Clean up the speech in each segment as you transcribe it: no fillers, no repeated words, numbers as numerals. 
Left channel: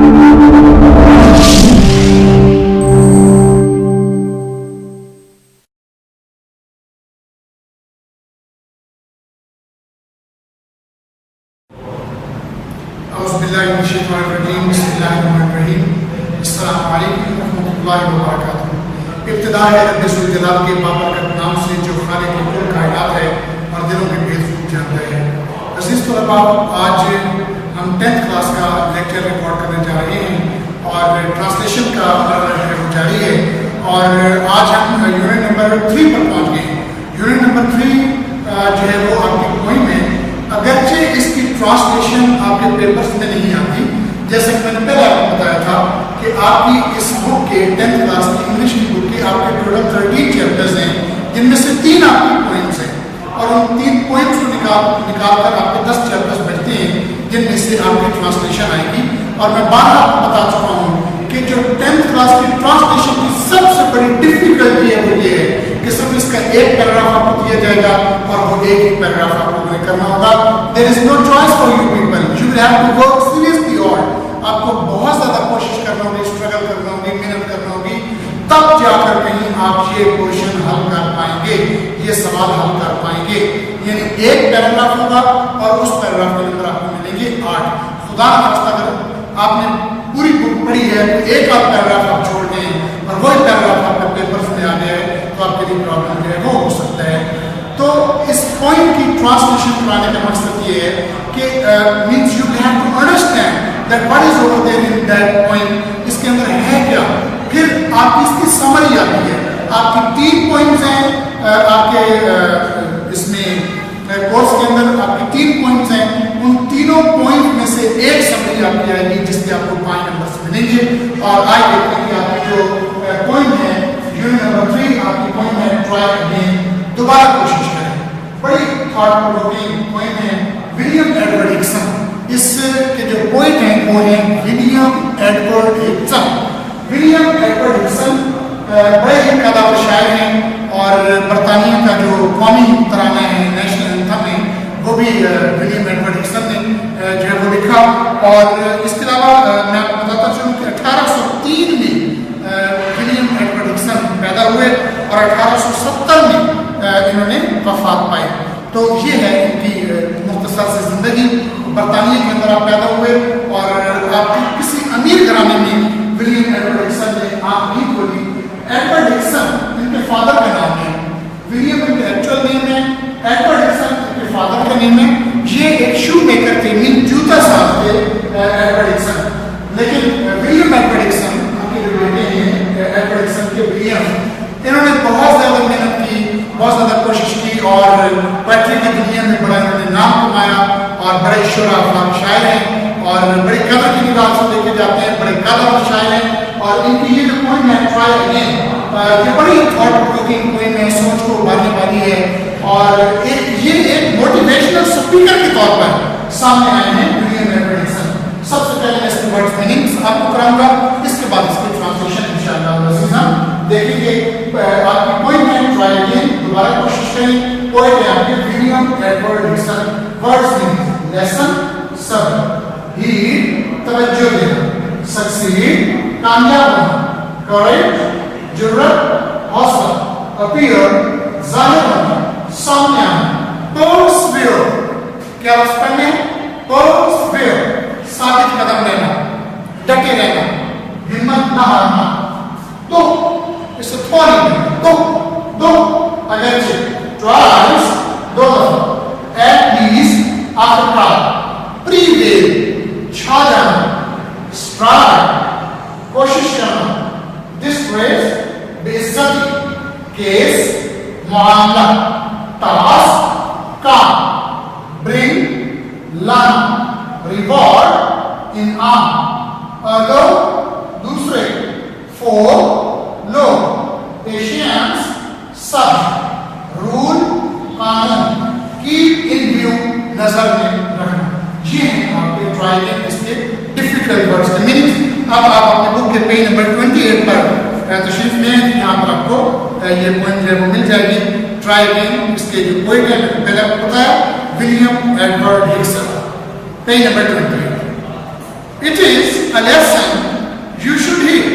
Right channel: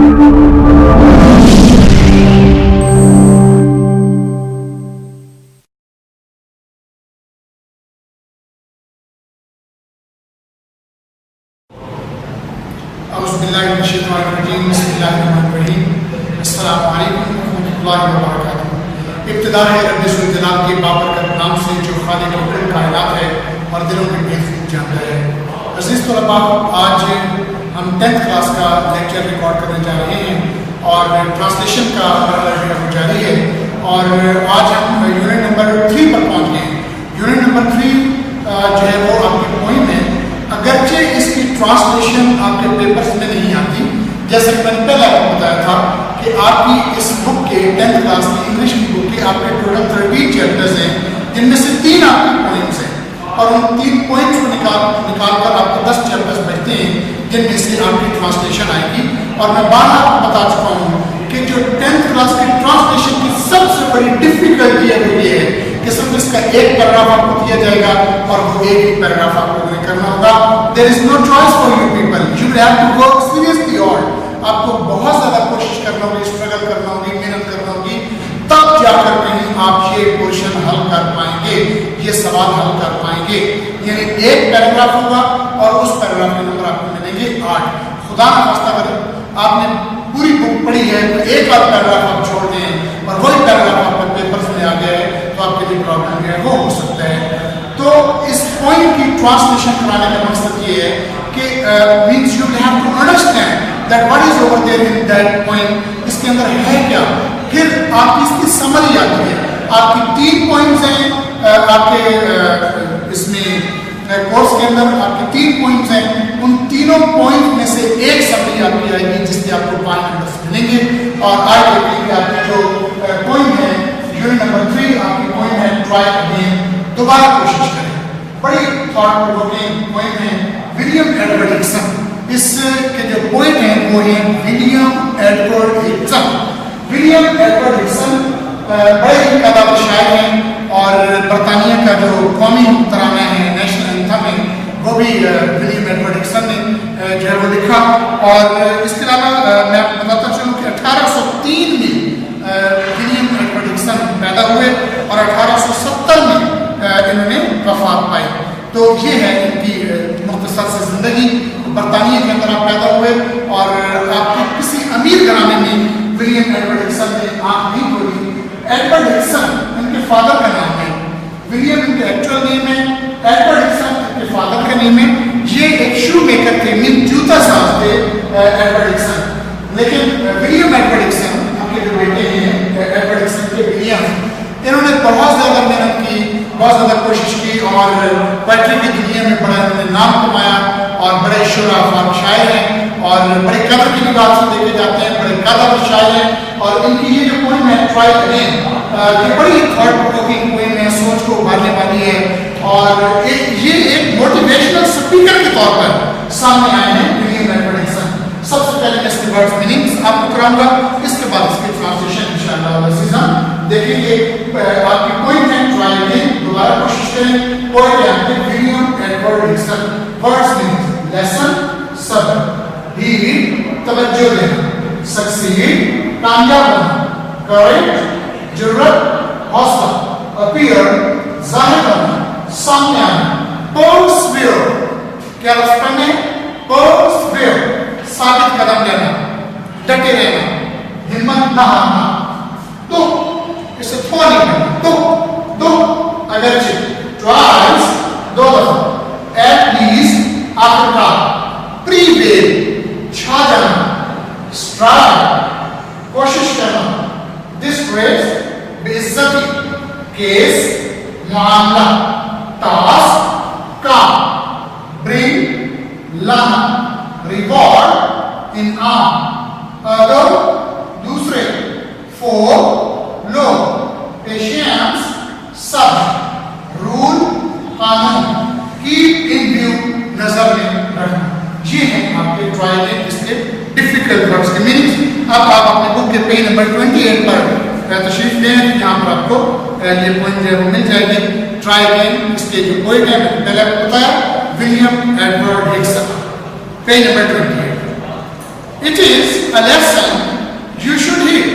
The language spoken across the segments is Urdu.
السلام علیکم ورحمۃ اللہ وبرکاتہ۔ ابتدا ہے رب ذوالجلال کے بابرکت نام سے جو خالق کل کائنات ہے اور دلوں کے بھید خوب جانتا ہے۔ عزیز طلباء، آج ہم 10th کلاس کا لیکچر ریکارڈ کرنے جا رہے ہیں اور ٹرانسلیشن کا مرحلہ جو ہے وہ جاری ہے، اور آج ہم یونٹ نمبر 3 پر پہنچ گئے ہیں۔ یونٹ نمبر 3 جو ہے وہ آپ کی پوئم ہے، اگرچہ اس کی ٹرانسلیشن آپ کے پیپرز میں نہیں آتی، جیسے کہ میں نے پہلے آپ کو بتایا تھا کہ آپ کی اس بک کے 10th کلاس کی انگلش کی بک کے آپ کے ٹوٹل 13 چیپٹرز ہیں، جن میں سے 3 آپ کی پوئمز ہیں، اور ان 3 پوئمز کو نکال کر آپ کو 10 چیپٹرز بچتے ہیں، جن میں سے آپ کی ٹرانسلیشن آئے گی۔ اور میں بار آپ کو بتا چکا ہوں کہ جو 10th کلاس کی ٹرانسلیشن کی سب سے بڑی ڈفیکلٹی ہے وہ یہ ہے کہ صرف اس کا ایک پیراگراف آپ کو دیا جائے گا اور وہ ایک ہی پیراگراف آپ کو کرنا ہوگا۔ There is no choice for you people. You will have to work seriously hard. آپ کو بہت زیادہ کوشش کرنا ہوگی، اسٹرگل کرنا ہوگی، محنت کرنا ہوگی، تب جا کر کہیں آپ یہ پورشن حل کر پائیں گے، یہ سوال حل کر پائیں گے۔ یعنی ایک پیراگراف ہوگا اور اس پیراگراف کے نمبر آپ کو ملیں گے 8۔ خدا نخواستہ اگر آپ نے پوری بک پڑھی ہے تو ایک آدھ پیراگراف آپ چھوڑ دیں اور وہی پیراگراف آپ کے پیپرز میں آ گیا ہے تو آپ کے لیے پرابلم جو ہے وہ ہو سکتا ہے۔ تو اس پوائنٹ کی ٹرانسلیشن کرانے کا مقصد یہ ہے کہ means you will have to understand that what is over there in that point، اس کے اندر ہے کیا، پھر آپ کی اس کی سمری آتی ہے۔ آپ کی 3 پوائنٹس ہیں آپ کے اس میں کورس کے اندر، آپ کی 3 پوائنٹس ہیں، ان تینوں پوائنٹ میں سے ایک سمری آپ کی آئے گی جس کے آپ کو 5 نمبرس ملیں گے۔ اور آج دیکھتے ہیں کہ آپ کی جو پوائنٹ ہے یونٹ نمبر 3 آپ کی پوائنٹ ہے ٹرائی اگین، دوبارہ کوشش کریں۔ بڑی تھاٹ پرووکنگ پوائنٹ ہے ولیم ایڈورڈ ہگسن۔ اس کے جو پوائٹ ہیں وہ ہیں ولیم ایڈورڈ ہگسن۔ ولیم ایڈورڈ ہگسن بڑے ہی قدر شاعر ہیں، اور برطانیہ کا جو قومی ترانہ ہے، نیشنل اینتھم ہے، وہ بھی ولیم ایڈورڈ ہگسن نے جو ہے وہ لکھا۔ اور اس کے علاوہ میں آپ کو بتاتا چلوں کہ 1803 میں ولیم ایڈورڈ ہگسن پیدا ہوئے اور 1870 میں انہوں نے وفات پائی۔ تو یہ ہے ان کی مختصر سے زندگی۔ برطانیہ کے اندر آپ پیدا ہوئے اور آپ کی کسی امیر گھرانے میں ولیم ایڈورڈ ہگسن نے آنکھ نہیں کھولی۔ ایڈورڈ ہگسن ان کے فادر کا نام ہے، ولیم ان کے ایکچوئل نیم ہے، ایڈورڈ ہگسن ان کے فادر کا نیم ہے۔ یہ ایک شو میکر تھے، جوتا ساز تھے ایڈورڈ ہگسن۔ لیکن ولیم ایڈورڈ ہگسن ان کے جو بیٹے ہیں ایڈورڈ ہگسن کے ولیم، انہوں نے بہت زیادہ محنت کی، بہت زیادہ کوشش کی، اور پوئٹری کی دنیا میں بڑا انہوں نے نام کمایا، اور بڑے شعرا افام شاعر ہیں اور بڑی قدر کی نگاہ سے دیکھے جاتے ہیں، بڑے قدر شاعر ہیں۔ اور ان کی یہ جو پوئم ہے ٹرائی اگین، یہ بڑی تھاٹ پرووکنگ پوئم ہے، سوچ کو ابھارنے والی ہے، اور یہ ایک موٹیویشنل اسپیکر کے طور پر سامنے آئے ہیں ولیم ایڈورڈ ہگسن۔ سب سے پہلے میں اس کے ورڈ میننگز آپ کو کراؤں گا، اس کے بعد اس کی ٹرانسلیشن انشاءاللہ دیکھیں گے۔ آپ کی پوائنٹ ہے ٹرائی اگین، دوبارہ کوشش کریں۔ پوائنٹ ہے آپ کے William Edward Hickson. Words meanings: lesson صبر، ہیڈ توجہ دینا، سکسیڈ کامیاب ہونا، کریج جرأت حوصلہ، اپیئر ظاہر ہونا، سامنے آنا، پرسویئر کیا لفظ پڑھنے، پرسویئر ثابت قدم رہنا، ڈٹے رہنا، ہمت نہ ہارنا، تو اسے فوری دو اگرچہ، ٹرائلز 2 دفعہ، ایٹ لیسٹ آخرکار، پریویل چھا جانا، اسٹرائڈ کوشش کرنا، ڈسگریس بے عزتی، کیس معاملہ، ٹاسک کام، برنگ لانا، ریوارڈ انعام، ادر دوسرے، فور لوگ، پیشنس صبر، رول قانون، کیپ ان ویو نظر میں رکھنا۔ یہ ہیں آپ کے ٹرائی میں اس کے ڈیفیکلٹ ورڈز کے میننگ۔ اب آپ اپنے بک کے پیج نمبر 28 پر تشریف لیں، یہاں پر آپ کو یہ پوائنٹ جو ہے وہ مل جائے گی۔ ٹرائی اگین، اس کے جو پوائنٹ ہے میں نے پہلے آپ کو بتایا، William Edward Hickson, page number 28۔ It is a lesson you should hear.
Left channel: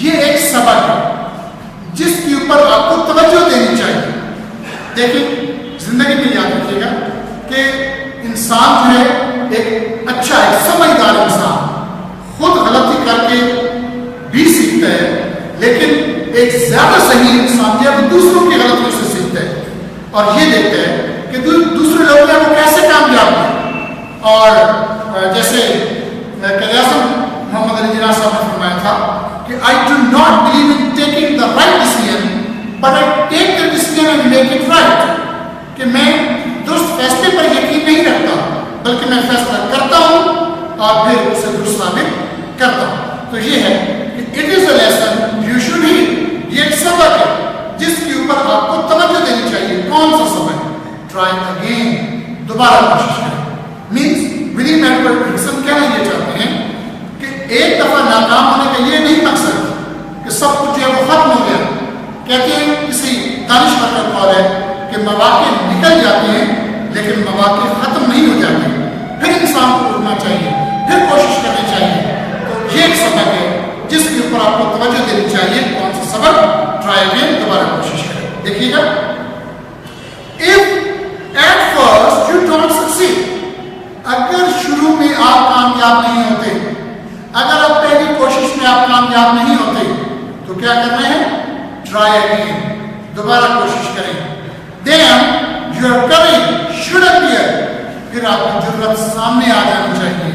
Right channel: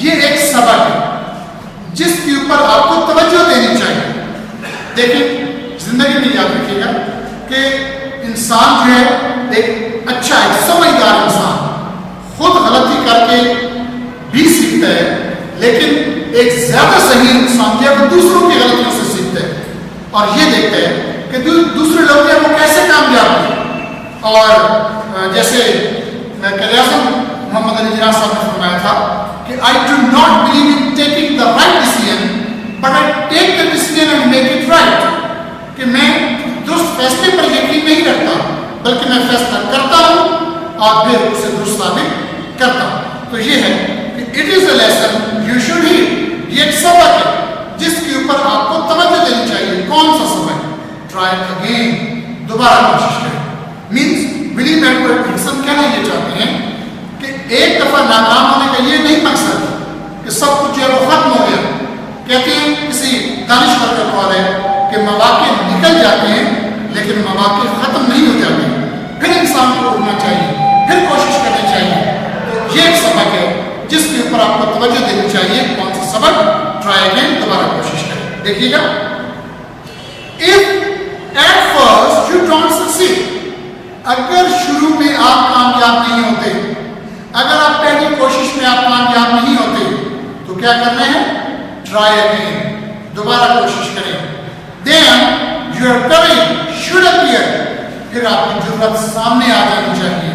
یہ ایک سبق ہے جس کے اوپر آپ کو توجہ دینی چاہیے. دیکھیں زندگی میں یاد رکھیے گا کہ انسان جو ہے ایک اچھا ایک سمجھدار انسان خود غلطی کر کے بھی سیکھتا ہے، لیکن ایک زیادہ صحیح انسان جو ہے وہ دوسروں کی غلطیوں سے سیکھتا ہے اور یہ دیکھتا ہے کہ دوسرے لوگ جو ہے وہ کیسے کامیاب ہیں. اور جیسے قائد اعظم محمد علی جناح صاحب نے فرمایا تھا کہ I do not believe in taking the right decision, but I take the decision and make it right. کہ میں درست فیصلے پر یقین نہیں رکھتا بلکہ میں فیصلہ کرتا ہوں اور پھر اسے درست ثابت کرتا ہوں. تو یہ ہے کہ it is a lesson you should hear. یہ ایک سبق ہے جس کے اوپر آپ کو توجہ دینی چاہیے. کون سا سبق؟ Try again. دوبارہ کوشش کریں. مینس ولیم ایڈورڈ ہڈسن کہنا یہ چاہتے ہیں کہ ایک دفعہ ناکام ہونے کا یہ نہیں مقصد کہ سب کچھ جو ہے وہ ختم ہو گیا. کہتے ہیں کسی دانشور کا قول ہے کہ مواقع نکل جاتے ہیں لیکن مواقع ختم نہیں ہو جاتے. پھر انسان کو اٹھنا چاہیے، پھر کوشش کرنی چاہیے. تو یہ ایک سبق ہے جس کے اوپر آپ کو توجہ دینی چاہیے. کون سا سبق؟ Try again. دوبارہ کوشش کریں. دیکھیے گا if at first you don't succeed, اگر شروع میں آپ کامیاب نہیں ہوتے، اگر آپ پہلی کوشش میں آپ کامیاب نہیں ہوتے تو کیا کرنا ہے؟ Try again. دوبارہ کوشش کریں. Then your courage should appear. پھر آپ کی جرأت سامنے آ جانی چاہیے،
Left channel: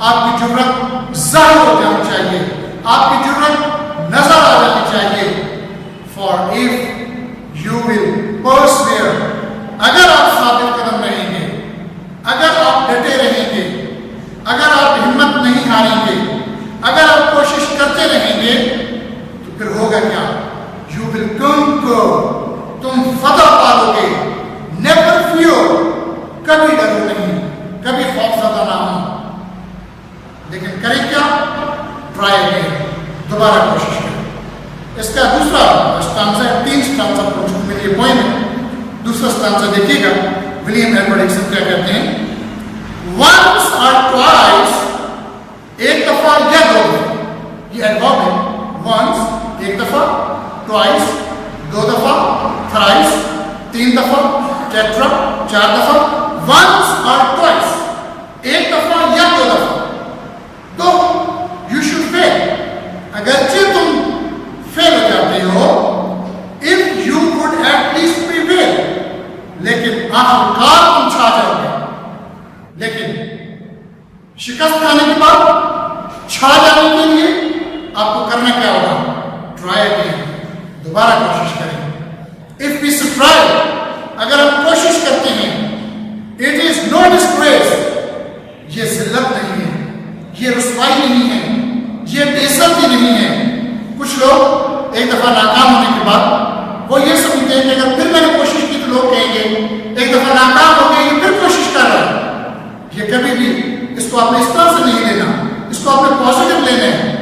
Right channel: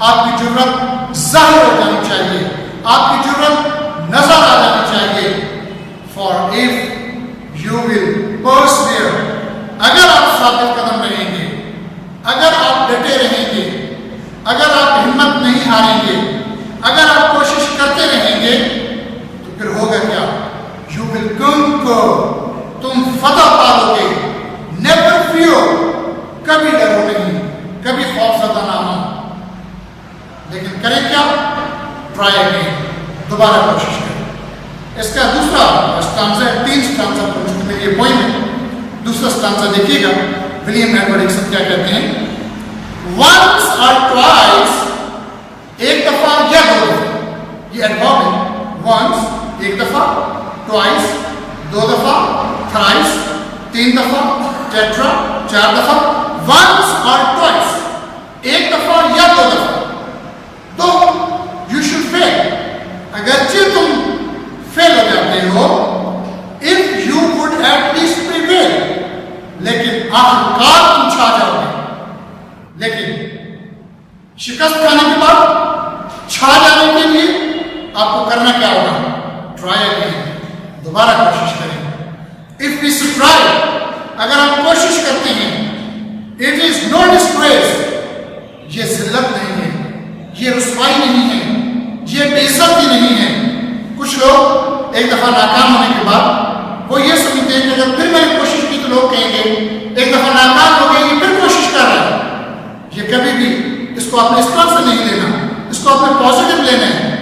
آپ کی جرأت ظاہر ہو جانی چاہیے، آپ کی جرأت نظر آ جانی چاہیے. For if you will persevere, اگر آپ ثابت قدم رہیں گے، اگر آپ ڈٹے رہیں گے، اگر آپ ہمت نہیں ہاریں گے، اگر آپ کوشش کرتے رہیں گے تو پھر ہوگا کیا؟ You will conquer. تم فتح پالو گے. Never fear. کبھی ڈرو نہیں، کبھی خوف زدہ نہ ہو. لیکن کریں کیا؟ Try again. دوبارہ کوشش کریں. اس کا دوسرا اسٹانزا ہے، 3 اسٹانزا پر مشتمل یہ پوئم ہے. دوسرا اسٹانزا دیکھیے گا. ولیم ایڈورڈ ہڈسن کیا کہتے ہیں؟ Once or twice, ایک دفعہ یا دو دفعہ. یہ ایڈورب ہے. Once ایک دفعہ، twice دو دفعہ، thrice 3 دفعہ، tetra 4 دفعہ. Once or twice ایک دفعہ یا دو دفعہ. تو you should fail. اگرچہ تم فیل ہو جاتے ہو، if you would at least prevail. لیکن آخرکار تم چھا جاؤ گے. لیکن شکست کھانے کے بعد چھا جانے کے لیے آپ کو کرنا کیا ہوگا؟ Try again. دوبارہ کوشش کریں. If we strive, اگر ہم کوشش کرتے ہیں، it is no disgrace. یہ ذلت نہیں ہے، یہ رسوائی نہیں ہے، یہ بے عزتی نہیں ہے. کچھ لوگ ایک دفعہ ناکام ہونے کے بعد وہ یہ سمجھتے ہیں کہ اگر پھر میں نے کوشش کی تو لوگ کہیں گے ایک دفعہ ناکام ہو گئے، یہ پھر کوشش کر رہا ہے. یہ کبھی بھی اس کو آپ نے اس طرح سے نہیں لینا، اس کو آپ نے پازیٹیو لینا ہے.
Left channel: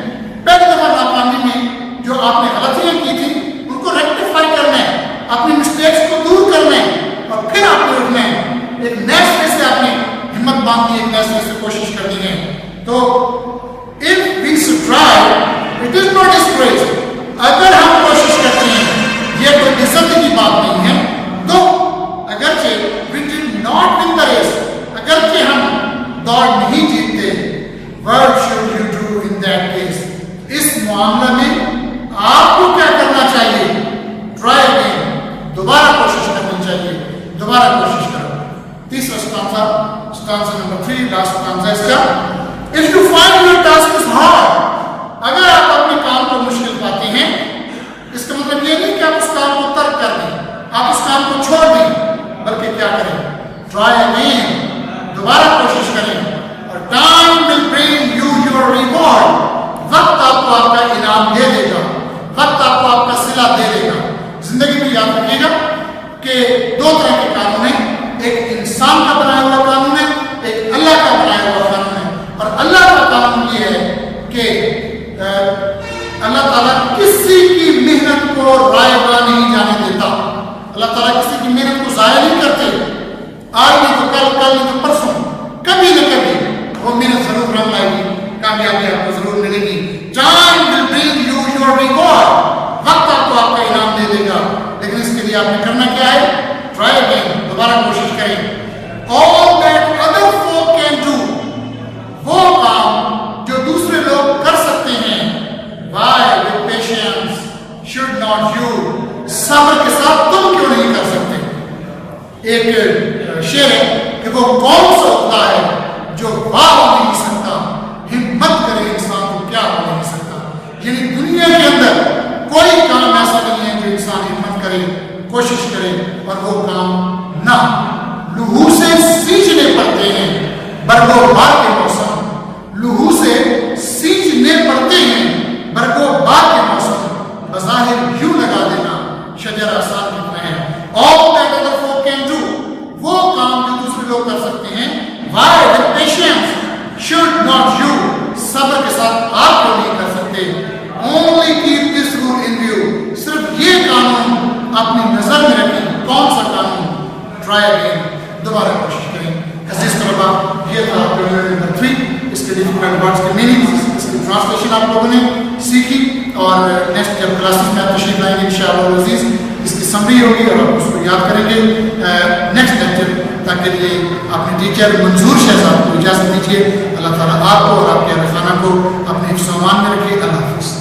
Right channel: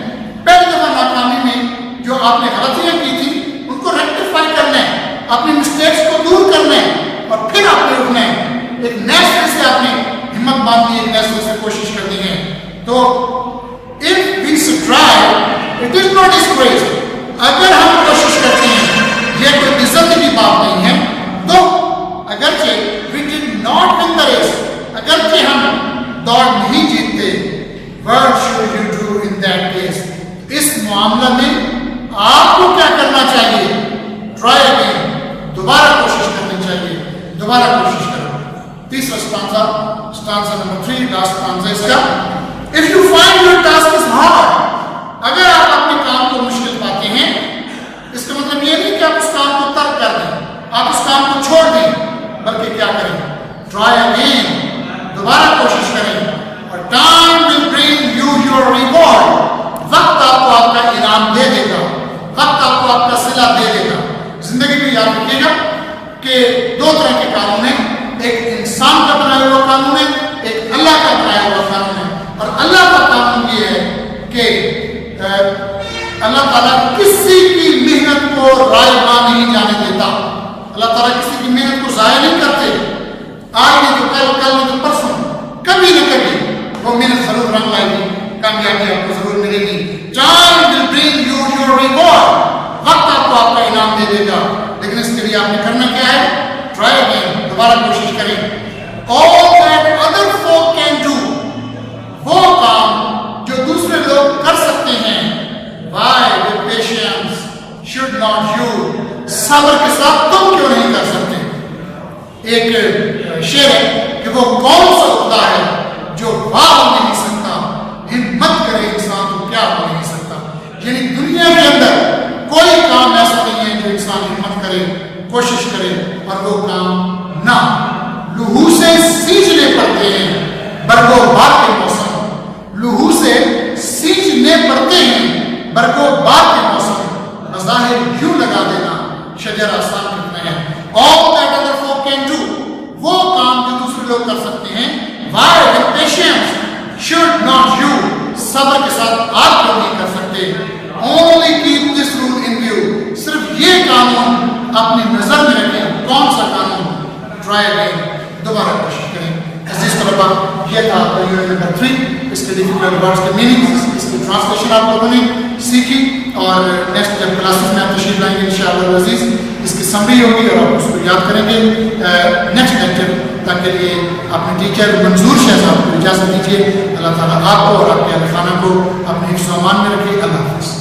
پہلی دفعہ ناکامی میں جو آپ نے غلطیاں کی تھیں ان کو ریکٹیفائی کرنا ہے، اپنی مسٹیکس کو دور کرنا ہے اور پھر آپ نے اٹھنا ہے. ایک نئے سرے سے آپ نے ہمت باندھنی ہے، ایک نئے سرے سے کوشش کرنی ہے. تو if we strive, it is not disgrace. اگر ہم کوشش کرتے ہیں یہ کوئی عزت کی بات نہیں ہے. تو اگرچہ we did not win the race, اگرچہ ہم دوڑ نہیں جیتتے، what should you do in that case؟ اس معاملہ میں آپ کو کیا کرنا چاہیے؟ Try again. دوبارہ کوشش کرنی چاہیے. دوبارہ کوشش کرو. تیسرا اسٹانزا نمبر 3، لاسٹ اسٹانزا اس کا. if you find your task is hard، اگر آپ اپنے کام کو مشکل پاتے ہیں، اس کا مطلب یہ نہیں کہ آپ اس کام کو ترک کر دیں، آپ اس کام کو چھوڑ دیں، بلکہ کیا کریں؟ Try again. دوبارہ کوشش کریں. اور time will bring you your reward. وقت آپ کو آپ کا انعام دے دے گا، وقت آپ کو آپ کا صلہ دے دے گا. زندگی میں یاد رکھیے گا کہ 2 طرح کے قانون ہیں. ایک انسان کا بنایا ہوا قانون ہے، ایک اللہ کا بنایا ہوا قانون ہے. اور اللہ کا قانون یہ ہے کہ اللہ تعالیٰ کسی کی محنت کو رائے گاہ نہیں جانے دیتا. اللہ تعالیٰ کسی کی محنت کو ضائع نہیں کرتے. آج نہیں تو کل، کل نہیں تو پرسوں، کبھی نہ کبھی وہ محنت ضرور رنگ لائے گی. کامیابی آپ کو ضرور ملے گی. Time will bring you your reward. وقت آپ کو آپ کا انعام دے دے گا. لیکن اس کے لیے آپ نے کرنا کیا ہے؟ ٹرائی اگین، دوبارہ کوشش کریں. All that other folk can do، وہ کام جو دوسرے لوگ کر سکتے ہیں. Why with patience should not you، صبر کے ساتھ تم کیوں نہیں کر سکتے؟ ایک شعر ہے کہ وہ کون سا ہوتا ہے جو واہ ہو نہیں سکتا، ہمت کرے انسان کو کیا ہو نہیں سکتا. یعنی دنیا کے اندر کوئی کام ایسا نہیں ہے جو انسان ہمت کرے، کوشش کرے اور وہ کام نہ. لہو سے سینچنے پڑتے ہیں برگو بار کے موسم. لہو سے سینچنے پڑتے ہیں برگو بار کے موسم. بظاہر یوں لگا دینا شجر آسان کتنا ہے. All that other folk can do، وہ کام جو دوسرے لوگ کر سکتے ہیں. Why with patience should not you، صبر کے ساتھ آپ کیوں نہیں کر سکتے. Only keep this rule in view، صرف یہ قانون اپنی نظر میں رکھیں. کون سا قانون؟ Try again، دوبارہ کوشش کریں. عزیز طلباء، یہ تھا آپ کا یونٹ نمبر 3. اس کے ڈیفیکلٹ ورڈز کے میننگز، اس کی ٹرانسلیشن آپ لوگوں نے سیکھی اور نیکسٹ جب کلاسز میں آپ تشریف لائیں گے انشاءاللہ العزیز اس کی سمری ہوگی اور آپ اس کو یاد کریں گے. نیکسٹ لیکچر تک کے لیے اپنے ٹیچر منظور شہزاد کو اجازت دیجیے. اللہ تعالیٰ آپ کو اور آپ کے اہل خانہ کو اپنے حفظ و امان میں رکھے. اللہ حافظ.